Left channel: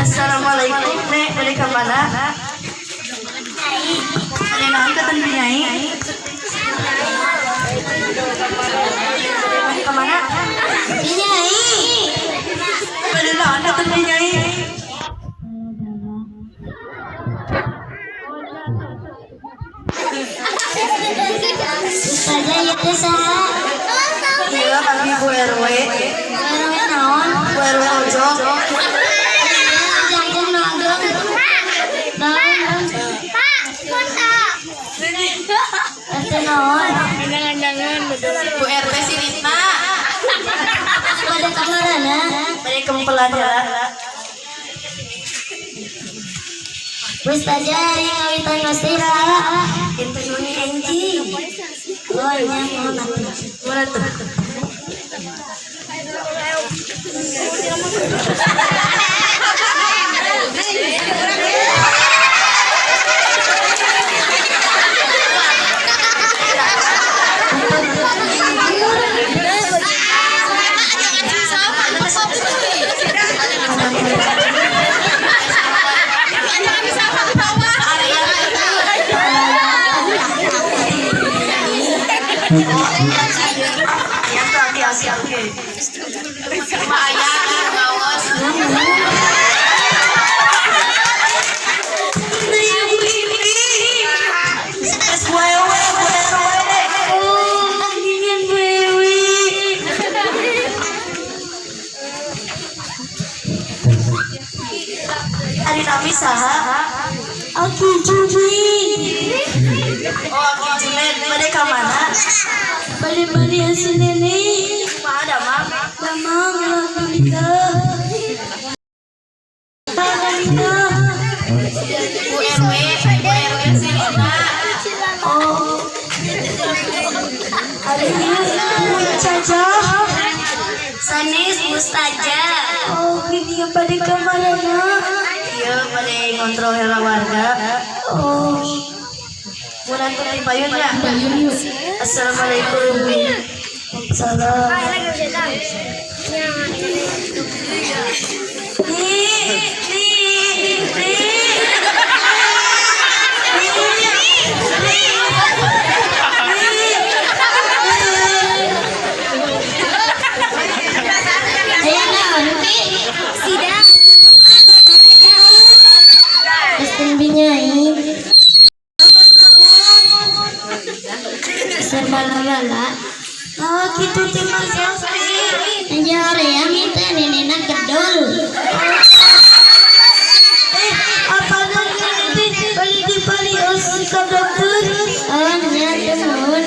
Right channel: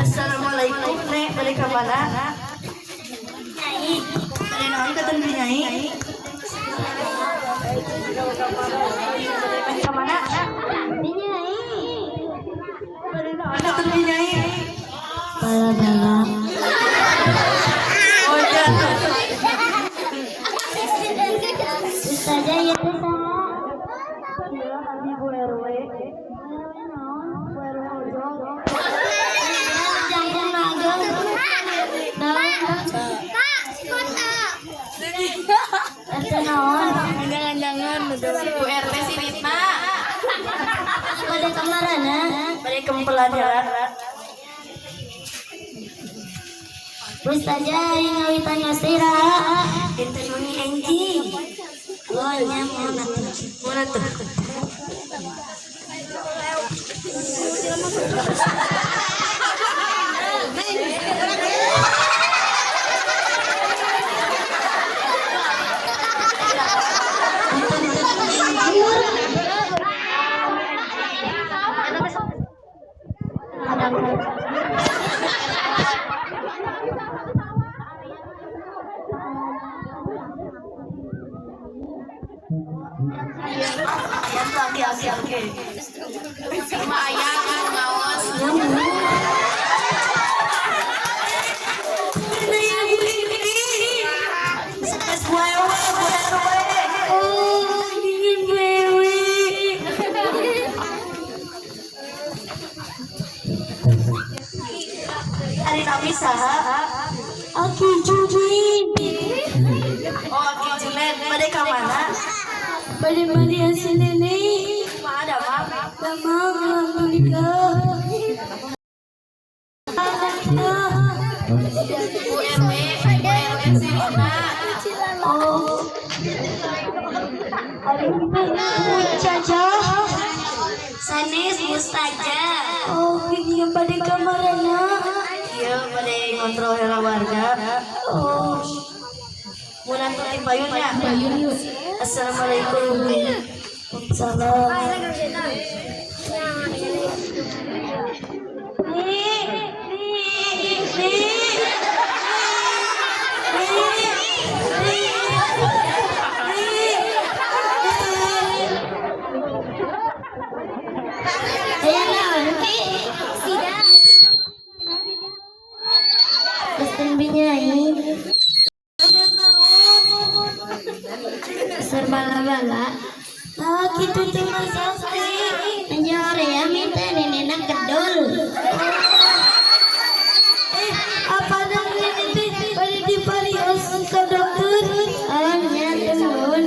Assalamualaikum, Nek. Dari kemana? Dari naon ke Tanjung Nyai? Dari kemana? Nyai. Dari naon ke Tanjung Nyai? Bala-bala. Oh, jatuh. Saja itu saha. Iya, kami Bu RW. Bu RW naon? Bu RW ojo. Jangan Bu RT si Ritna. Pada kamarana, dari kumpulan ya. Wis aja yang ngawitan ngostira. Itu ini anjing. Oh, nyaman. Murah. Hari Nabi saha Aki Jujuin. Oh, Aki Julen. Pada kemana? Bali-bali hasil nenek. Ada mama. Mama nikah. Bu RW Sirina. Oh. Hari Caca. Sanis Mustaja. Oh, ini yang pada kamarnya. Iya, pada kontrol hela warga. Oh. Mulai ke payun ya. Assalamualaikum. Salam. Lala, oh gitu cuma selfie. Anjar ya minta nenek kedul. Apa nanti balik di Bali harus ke dokter? Oh nyata mohon.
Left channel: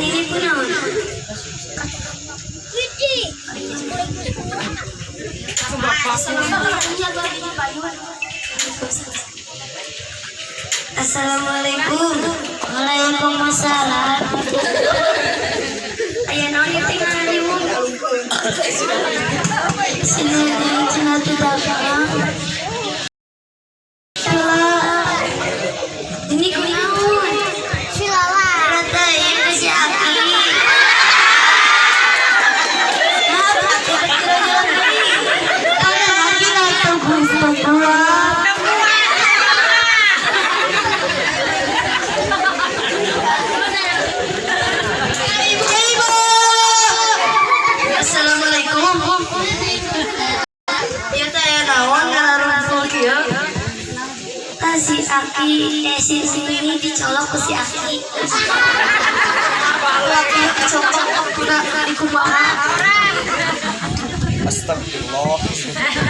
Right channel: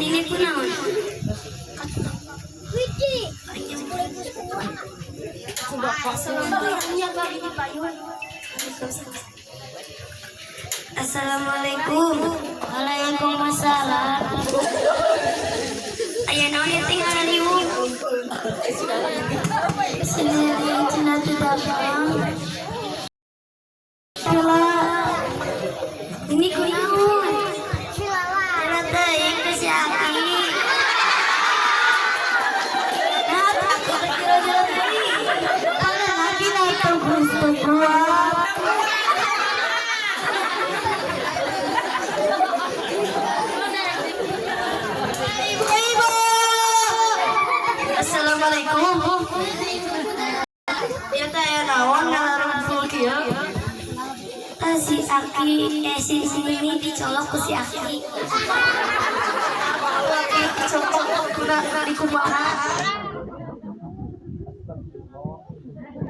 ini pun naon? Assalamualaikum. Waalaikumsalam. Aya naon ieu teh ngaliwung? Sineueun cenah teu dagang. Ini kunaon? Silala. Rada ieu si Aki. Assalamualaikum. Ieu teh aya naon ngalarung kieu? Si Aki, si ini dicolok ke si Aki. Laki dicolok ke di kumaha. Astagfirullah.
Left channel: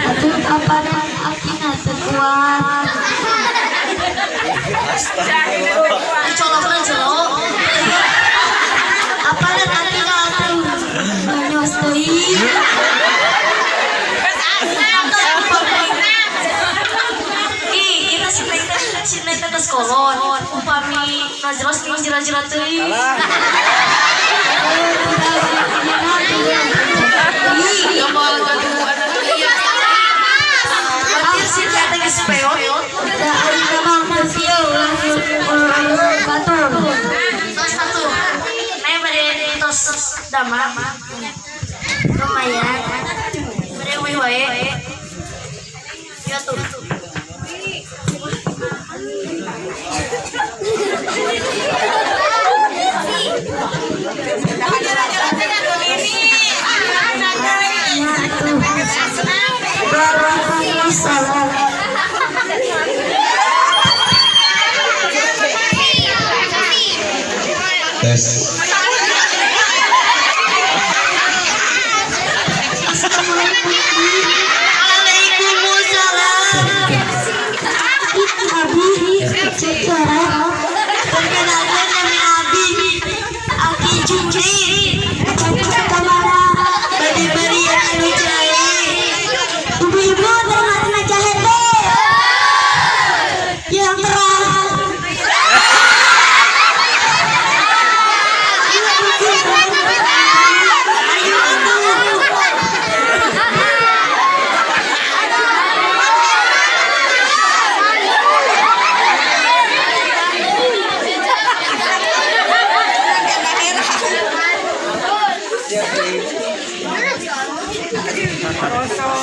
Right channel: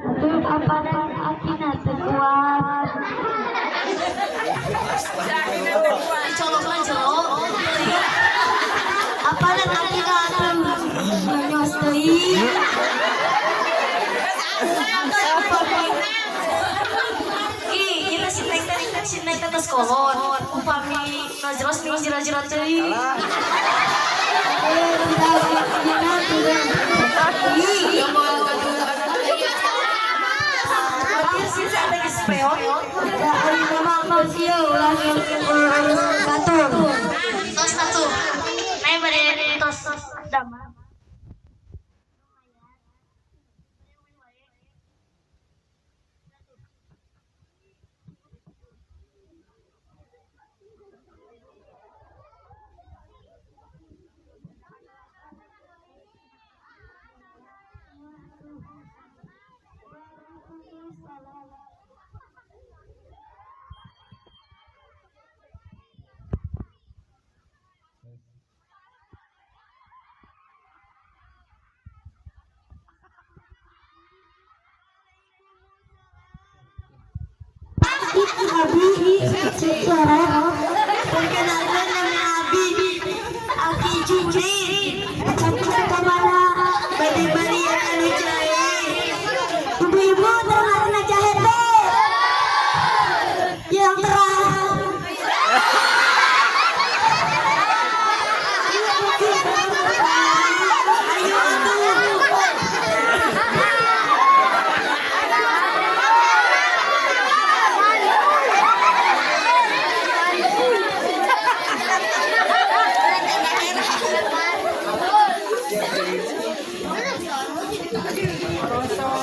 Aduh, apa dan Aki nasa kuat. Astagfirullah. Dicolok na jelok. Apa dan Aki nasa nyos deui. Si Neng tetes kolot, upami najelas jeung jerat-jerat teuing. Si Teh geus peot. Tos atuh. Naya bade tos damar. Lumayan. Bade eueuh wae. Ya tuh. Tes.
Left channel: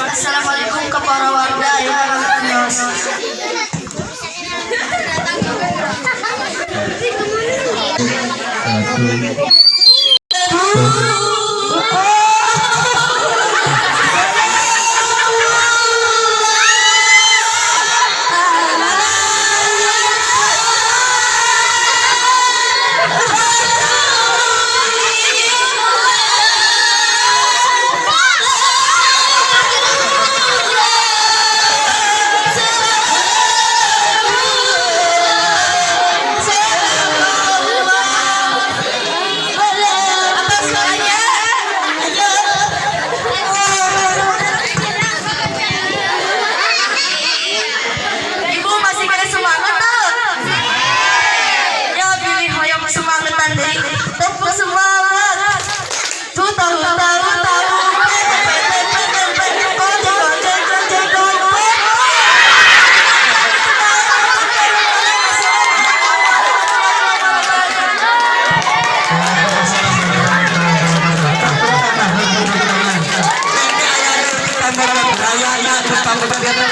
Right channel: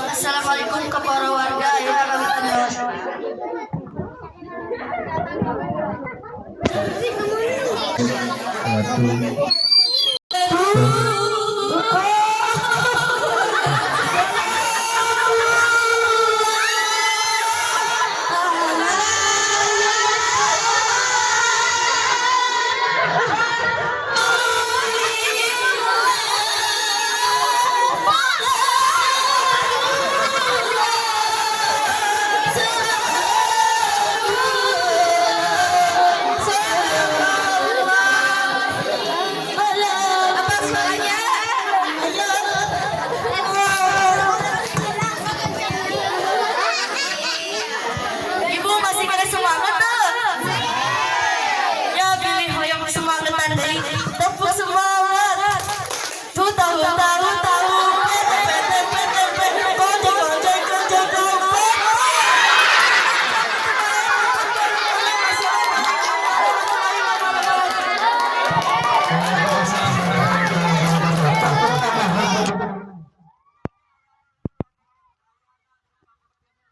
Assalamualaikum ke para warga ya Mas. Raya,